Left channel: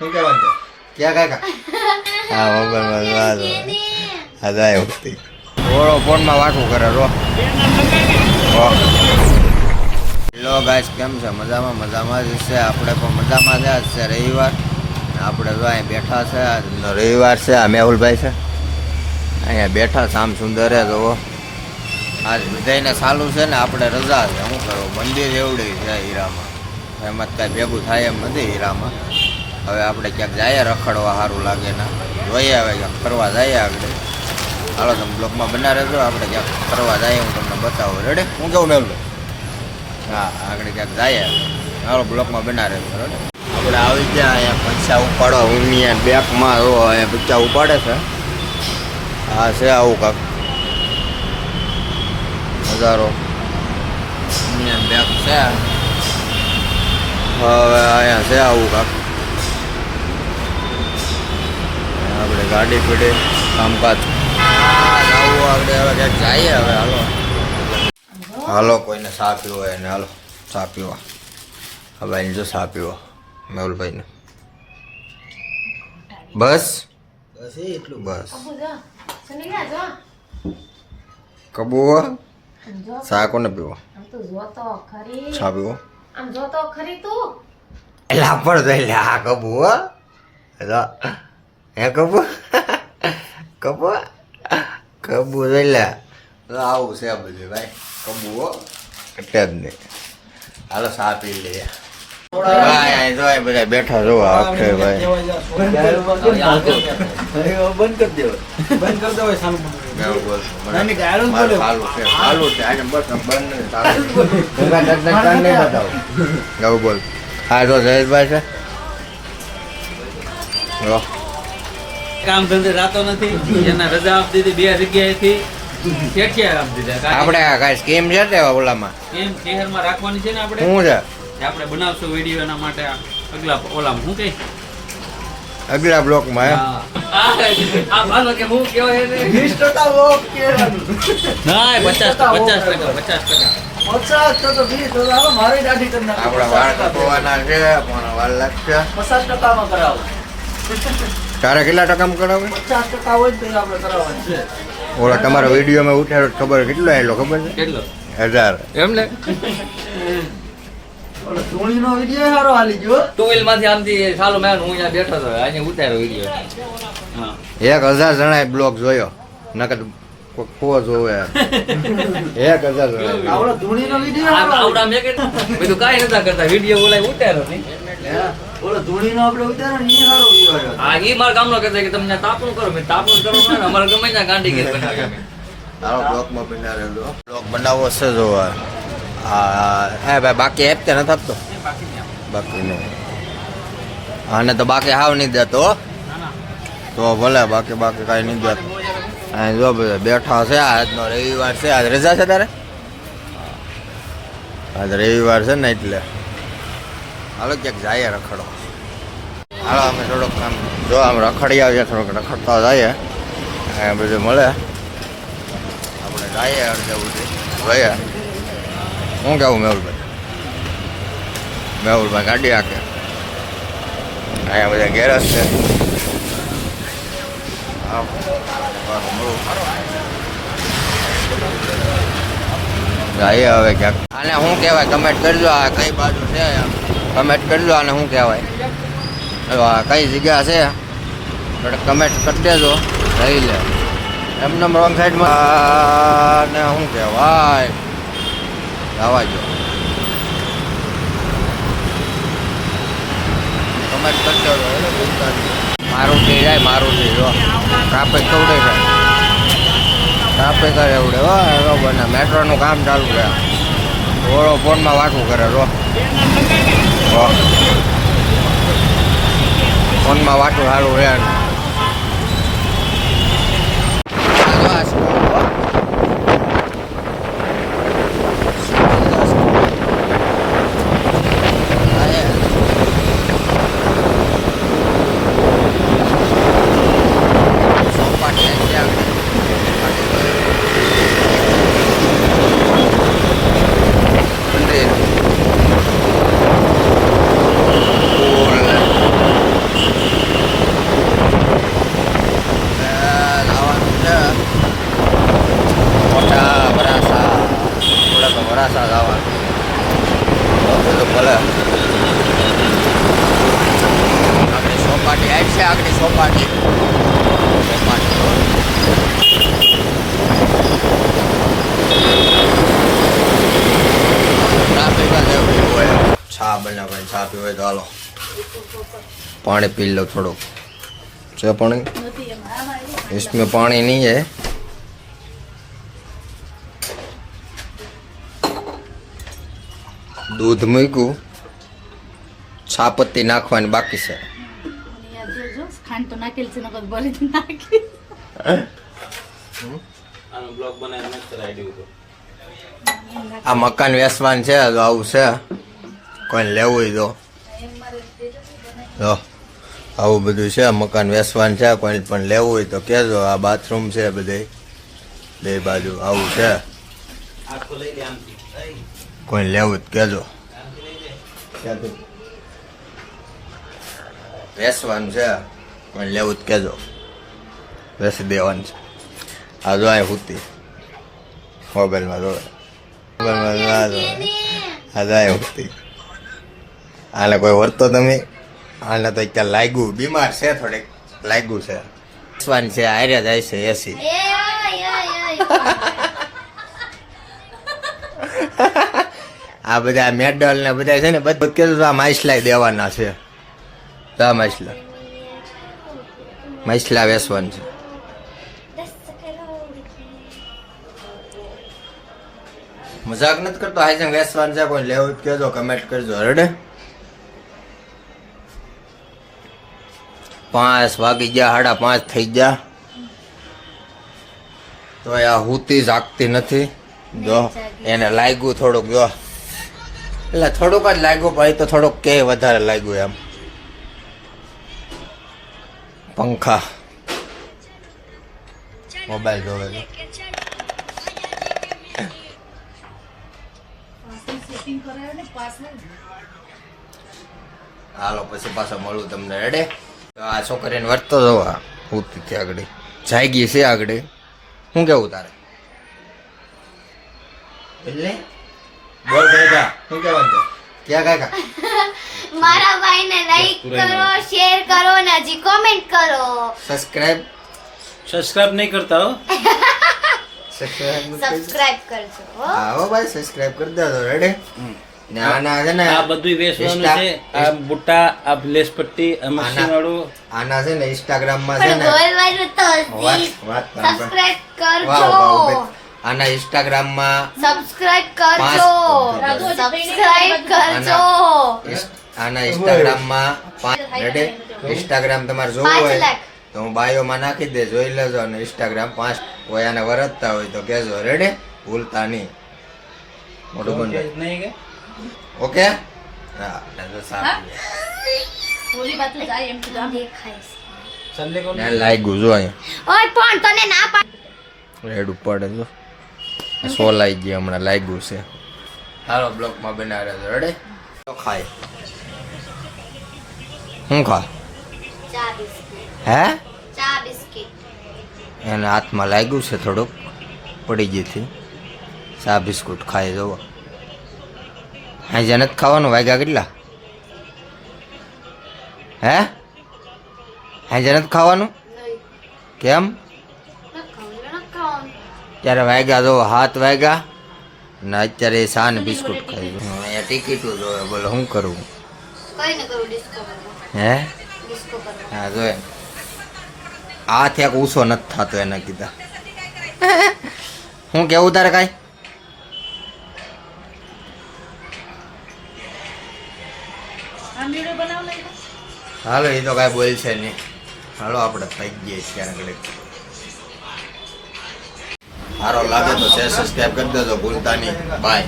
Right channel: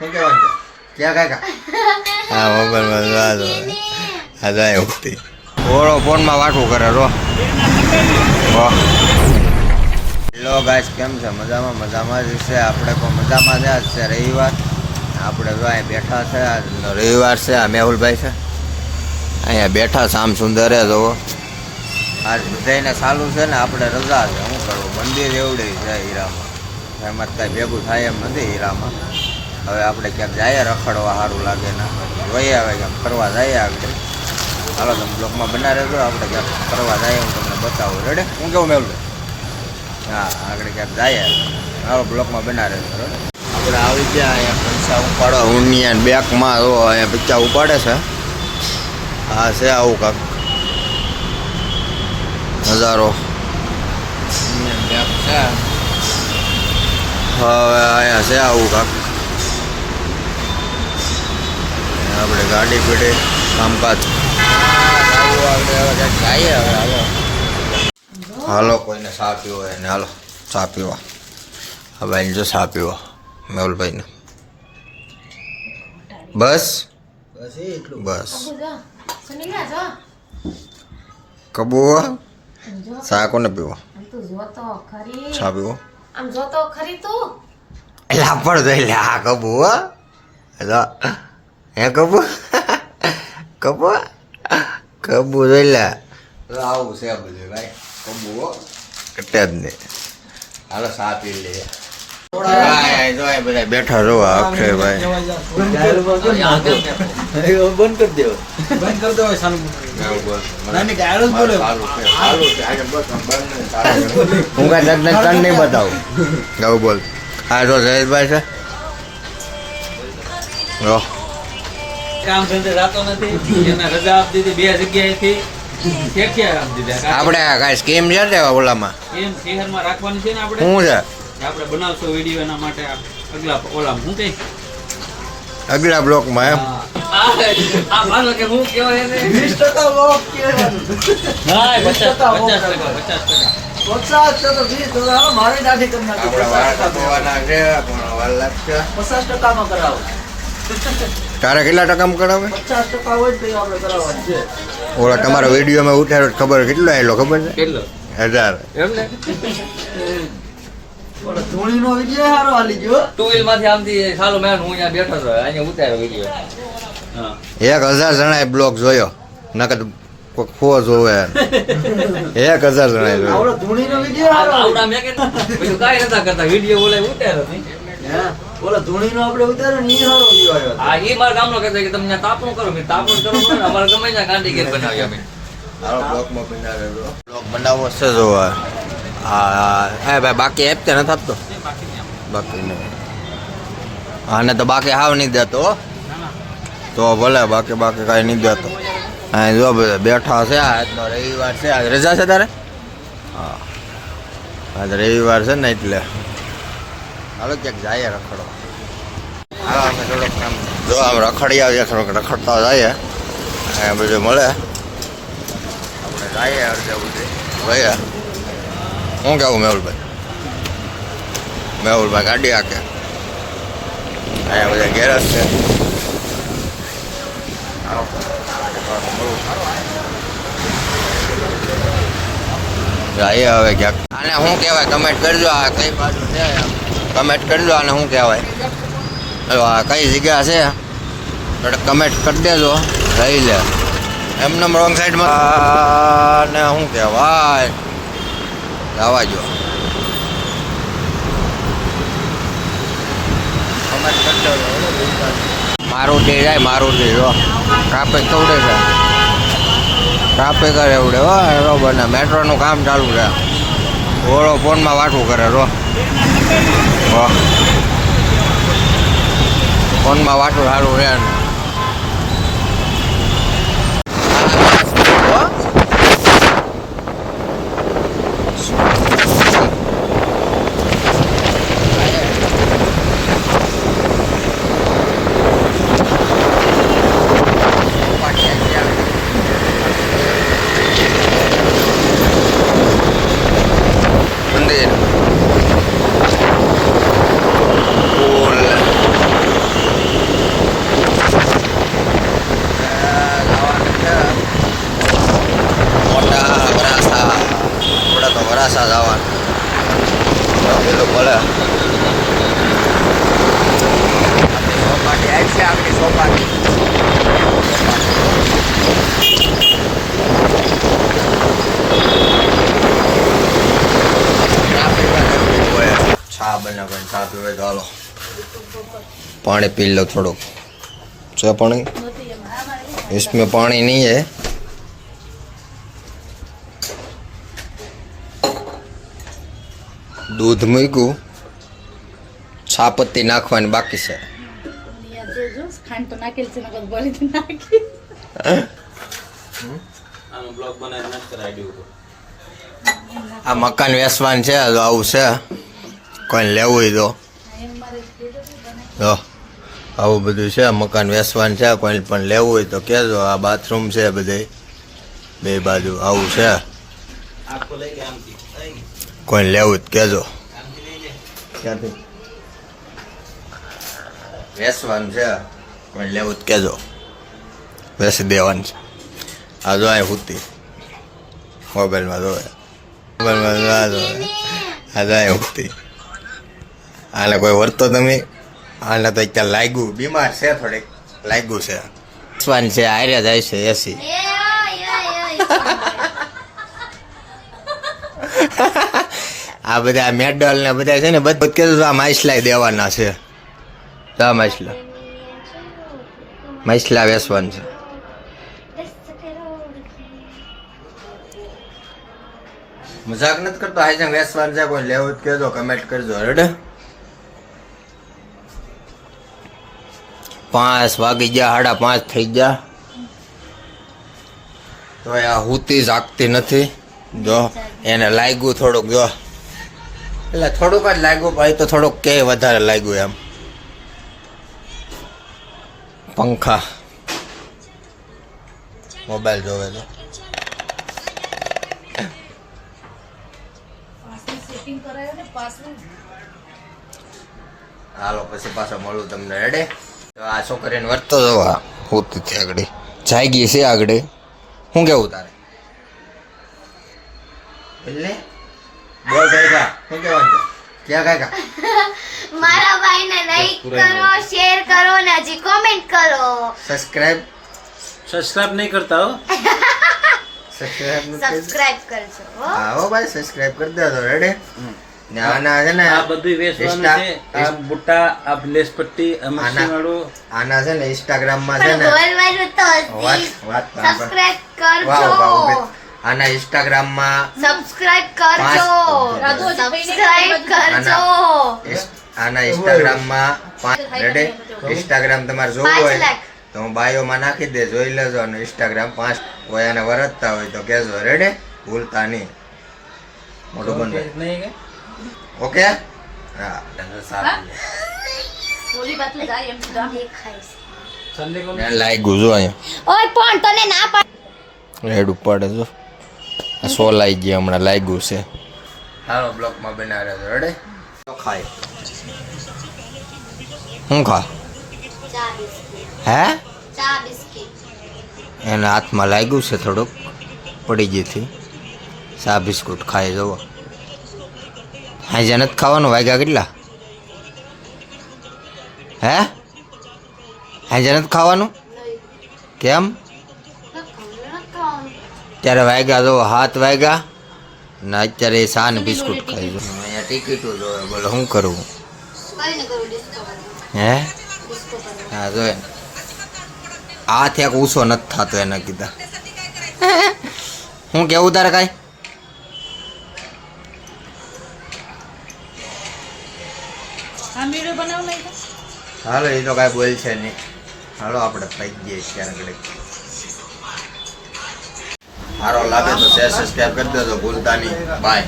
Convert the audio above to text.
શું કહેવાનું છે ક્યાં કાકા હા મોબાઈલમાં વાત હા જાય વખતે ઓળો ફોનમાં વાટું કરે રો હેલો ગાઈસ કેમ છે મજામાં મજામાં જ છે આપણે પણ મજામાં છે આજ છે રવિવાર આપણે જો અહીંયા બેઠા છે આજ રવિવાર છે આ મેહુલભાઈ છે અહીંયા બેઠા શામ સુંદરે જોવો આજ બધાને સારું છે ને આપણે રજા છે શું કરવું મંદિર એવડી છે હીરામાં એમાં જ કાંઈ ભેગું થાય એમ નથી હીરામાં હવે આપણે ક્યાંક જઈએ રખડવા સારું લાગે ના. જોઈએ હવે ક્યાંક ફરવા જઈએ આગળ. હાલો તમે બ્લોકમાં બના રહેજો. આપણે ક્યાંક ફરવા જઈએ હું તમને બતાવું. રેડે હું જાઉં મેળવું હા આગળ ક્યાંક જઈએ. હાલો બ્લોકમાં બના રહેજો. રેડે આપણે આવી ગયા અહીંયા પૈસા ઉપાડવા. ઊંડિયા બેંકમાં જો અહીંયા પૈસા ઉપાડે છે. હા છે આવું કાંક. નજારો બેંક છે. હવે અહીંયા છે આવું કાંક. આપણે ગાડી પીડી કામકાજ. આવું આપણે હવે ક્યાંક જઈએ હવે હાલો હાલો કોઈને ચા પીવો એને હાલો ચા પીવા. આ ભાઈને જો ચા પીવો મેહુલભાઈને. બસ? બસ. કબુ ચા કોને પીવો? તો ચા પીવો? આમ જોતો ખરી તું? પણ જોઈ લે આ કબુ હો હે કબુ? કબુ? કબુ જોઈ લે તો આવું છે બધું ભાઈ. કબૂ હો. કટે જ નહીં. હાલો સા પી લઈએ. જો બેઠા જો અક્ષયભાઈ બંધ કરી દેવો બંધ કરી દેવો બોલ. હું તો જયેશભાઈ છે. કામ ધંધે રાતો નથી. એના રજા આપી દીધી બે જગ્યાએથી. ક્યાં આપી દીધા? આપણે આ સ્કીમ છે તે ઓલામાં? એમ શહેરમાં રાખવાની છે ને આપણે? શું છે? આપણે બનાવશું વીડિયો એના માટે અગલા ઓલામાં. શું કઈ અગલા બ્લોકમાં આ માનો કે હું કહેવાય એને? વીસ ટકા લોક કે ના પચાસ પચાસ ટકા પચાસ ટકા. મારી દાઢી કરી નાખો. વાળ કપાવવાના છે પણ વાળ લાગશે. પચાસ ટકામાં કરાવો. તારે કેટલા ટકામાં કરાવે? પચાસ ટકા હોય તો આપણે કરાવવાનું છે. ઓલા તમારા વિડીયોમાં ઉઠાડો ખબર કેટલો આવેલો ખબર છે? કેટલો? હજાર. એમ ને? ધૂળીનો વીડિયો હારો હાલી ગયો ટુ વ્હીલમાંથી આમથી સાલો મેં હું અહીંયા બેઠો હતો અહીંયા ઉતાર્યો વીડિયો એક હજાર જણાએ બ્લોક જોયો. નકર કોઈ ખો જોવે. એક હજાર જણાએ આવડો ધૂળીનો વીડિયો આવડા મેં કીધું કાંઈ નતા કરતા વીડિયો બોલાય ઉતાર્યો નહીં. ઓલો આપણે ઉતાર્યો ને ઈ હારો view હા એ મારા કામનો કહેતો કે તમે તાપણું કરો મેં તાપણું કરો ને અમારે ગમે ત્યાં ગાંડી ગેર બનાવી અમે. હાલો બ્લોકમાં બના રહેજો બ્લોક બનાવવો છે જો હા હા ભાઈ બાકી એપ કે નથી આપતો? બાકી નહીં આને તો બાકી હાવ નહીં દેતો. તો ભલે બાકી બાકી કાંઈ નહીં દેતો. અહીં જો બધા બેઠા છે આજનો રવિવાર છે. આજ રજા છે તારે? હા. આજ રવિવાર છે ને એટલે. હાલો ક્યાંક જાય રખડો હાલો, અમે થોડોક આમ જો આમ રખડી આવીએ, થોડોક રખડતા જઈએ. અહીંયા બધું મળે. આપણે જઈએ અડધે ઉડે ગયા શું કેવું મેહુલભાઈ? મેહુલભાઈ ગાડી આખે. અહીંયા બધા ગેરેજ છે. જઈએ હવે ક્યાંક. આને શું કહેવાય? કમેન્ટ કરજો, આ કઈ બાજુ છે? કમેન્ટ દો આને શું કહેવાય. જો કઈ જગ્યા છે એટલે કમેન્ટ કરી દેજો. રહી લે. એમને રોંગ સાઈડમાં ને શું કહેવાય. જવા જો કમેન્ટ કરી દેજો મારુતિ જાય મારુતિ જો. ટ્રાફિક કવડે છે. ટ્રાફિક કરે એવડે હો બરોબર ને મેટ્રોનું કામ ચાલુ છે. ઓળો ફોનમાં વાટું કરે રો હો. ફોનમાં વાટું સારું છે મોડાસા જવાનું ભલે. આપણી સોપાટી આવી છે આપણી સોપાટી. સોપાટી ચા બને ભાઈ ચા પીવે તો હાલો. પાણી પી લો થોડુંક. છે પાણી? इसमें पानी नहीं है દૂધ મૂક્યું, છાપત્તી નાખવાની બાકી છે. આ મકાન વેસવાનું છે તો આવું છે. કોઈ લેવું તો. આવું બધું છે, મકાન વેસવાનું છે કોઈ પણ લેવું હોય તો કહેજો. આ બાથરૂમ છે બધે. બે બાજુ આવું છે. કોઈ લેવું જ કહેજો ક્યાંથી? વેસવાનું છે. કોઈ લેવું જ કહેજો વેસી દેવાનું છે. આ જો આ હુતી. મોબાઈલમાં જોવે. મોબાઈલમાં ના જોવે. આ જો આ હુતી. આને કોઈ વર્તો તમે? આને તો અત્યારે લાગ્યું? બીમાર છે થોડીક. લાગ્યું છે. વેસવાનું છે આર્ય જાય છે એસી. આ બધા મેડલ ને બધા છે ને બધું કીધું આ માછલા દેવાના છે. આ માછલા. માછલા વેસવાનું છે. મજાક નથી કરતો હાઈ વેસવાનું છે, કોઈ લેવું કહેજો કમેન્ટ કરજો રેડે પાંચ વાગી ગયા, સાડા પાંચ થઈ ગયા. તો આ હુતી જાગતી નથી. જો, એને લાગ્યું થોડુંક, જો. એટલે થોડુંક જ લાગ્યું, ભાઈ તો થોડુંક કે વધારે લાગ્યું એમ. પંખા. મોબાઈલ જોવે તો હાલો, પછી પાછો મળું તમને રેડે તો આ છોકરીને વર્તો જોવા ઉતી હતી આગળ. જાગી છે આગળ. હું કેવું તારે? એટલે? બોલ કાકા શું કહેવાનું છે? ક્યાં કાકા મારા ભાઈને લાઈક કરો શેર કરો ને હજી કોમેન્ટ કરો. સબસ્ક્રાઇબ સબસ્ક્રાઇબ નહીં કરતા હો. સબસ્ક્રાઇબ સબસ્ક્રાઇબ કરજો હા. હો ભાઈ સબસ્ક્રાઇબ કરી દેજો રેડે ને આના છે ને આ બધું Insta- છે. આ બુટ્ટા આ લેસ પટ્ટી વાળું આના છે ને ઇન્સ્ટાગ્રામમાં છે ને. વાત વાત. સબસ્ક્રાઇબ કરજો. આના ઇન્સ્ટાગ્રામમાં સબસ્ક્રાઇબ કરજો. પાંચ- સબસ્ક્રાઇબ કરજો. આના ઇન્સ્ટાગ્રામમાં પાંચ રેડે. ઇન્સ્ટાગ્રામ તમારે જોવું હોય તો હું બાયોમાં નાખી દે જોઈ લેજો અને ઇન્સ્ટાગ્રામ પાંચ કોઈ આને વરતતા હોય તો કહેજો. રેડે ભૂલતા નહીં. મોટું બંધ નહીં ઓકે હા. સારું લાઈક બાજુ જાય એમ કીધું આમ દેખાય છે. સંડે કોણ? મેં લાગ્યું જો અહીંયા. ઓય ફોન તને ના પાડ રેડ ઉપાડે જો આ સોલાઈ ગયા હમણાં લાગ્યું છે. હાલો બ્લોકમાં બનાવ્યા તો રડે તો ખાય. શું ખા? હે? ચા એના હાથમાં લાગ્યું છે થોડુંક પડી ગઈથી ચા બિસ્કુટ ખાઈ જવો હાજે નથી ખાવાનું વાગ્યા કેટલા? હે? હાજે નથી ખાવાનું? કેમ? ત્યારે વાગ્યા જો હાથ વાગ્યા ને અત્યારે સાન બિસ્કુટ ખાઈ જો અહીંયા ટિકિટો જોવે બોલો શું કરવું કરું હે? હા જો આ એક ઓછો નથી થતો એના કીધા. હું કેવું તારે કાંઈ? હાલો એ તો કાંઈ બોલ છે નહીં. હાલો આપણે થઈ જઈએ ક્યારેક સારો લાગે તો શેર સબસ્ક્રાઈબ કરી દેજો ભૂલતા નહીં. બાય